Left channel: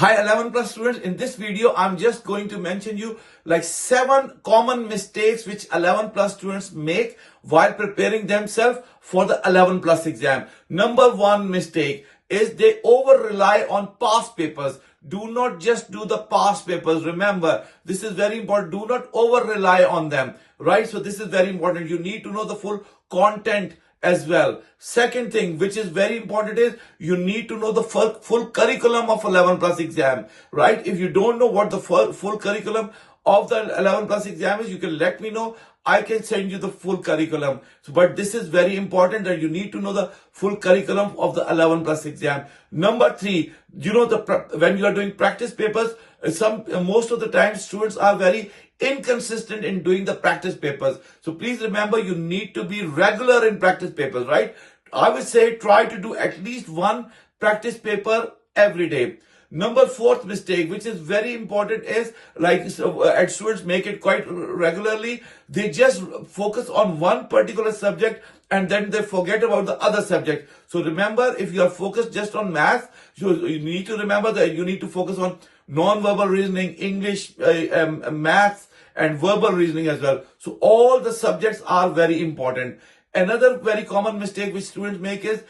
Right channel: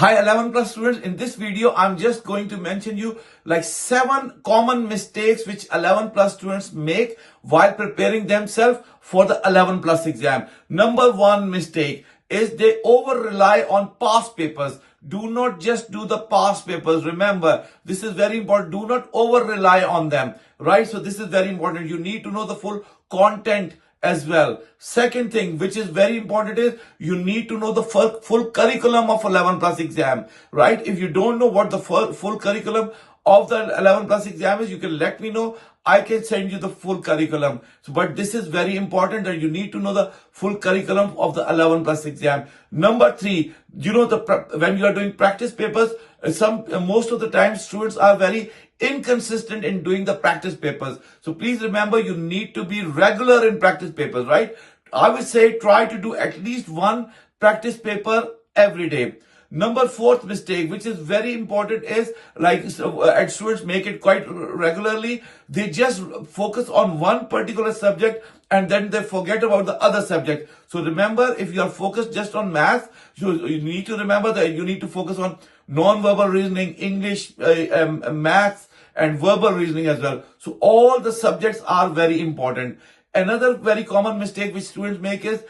Hi 11 plus students, in this video I'm just going to mention you like 7 common mistakes which 11 plus students make while preparing themselves for the 11 plus exam. Number 1 mistake is they over rely on past papers. Do not just do the past papers. Remember, this is very important. Do not over rely on them, right? So this is very important. You need to know the full content as well. Second thing, which is very important, is you need to know the full curriculum of 11 plus exam, right? If you don't know what the full curriculum of the 11 plus exam is, you can let me know. I can send you the full curriculum. So, but this is very important that you need to know the full curriculum of the 11 plus exam. Number 3, when you are doing practice papers, most of the time students are very inconsistent in doing the practice papers. So please remember, you need to be regular in practice papers, right? I would say try to do at least one practice paper every day. Number 4th mistake, which is very important, is and students make it quite regularly. They just focus on one particular subject and then they forget about the other subject. So remember, if you are focused just on math, you need to remember that you need to focus on non-verbal reasoning, English, math, and verbal reasoning as well. So all the subjects are very important. Another very common mistake which students make is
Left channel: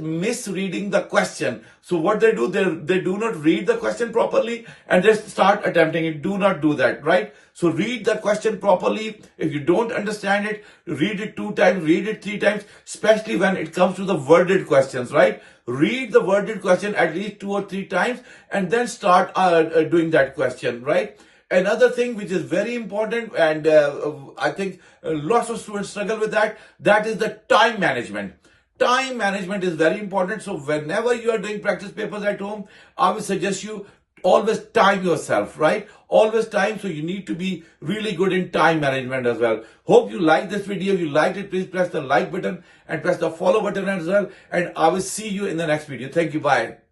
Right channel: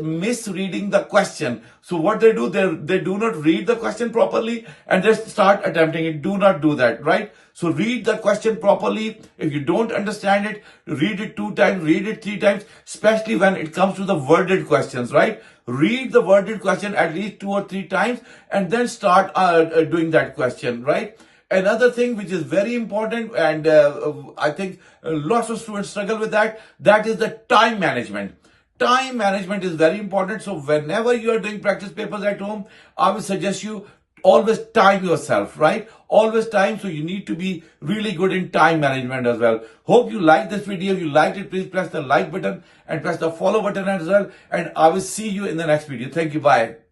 misreading the question. So what they do, they do not read the question properly and they start attempting it. Do not do that, right? So read the question properly. If you don't understand it, read it 2 times, read it 3 times, especially when it comes to the worded questions, right? Read the worded question at least 2 or 3 times and then start doing that question, right? Another thing which is very important, and I think lots of students struggle with that is the time management. Time management is very important. So whenever you are doing practice papers at home, I would suggest you always time yourself, right? Always time. So you need to be really good in time management as well. Hope you like this video. If you liked it, please press the like button and press the follow button as well. And I will see you in the next video. Thank you. Bye.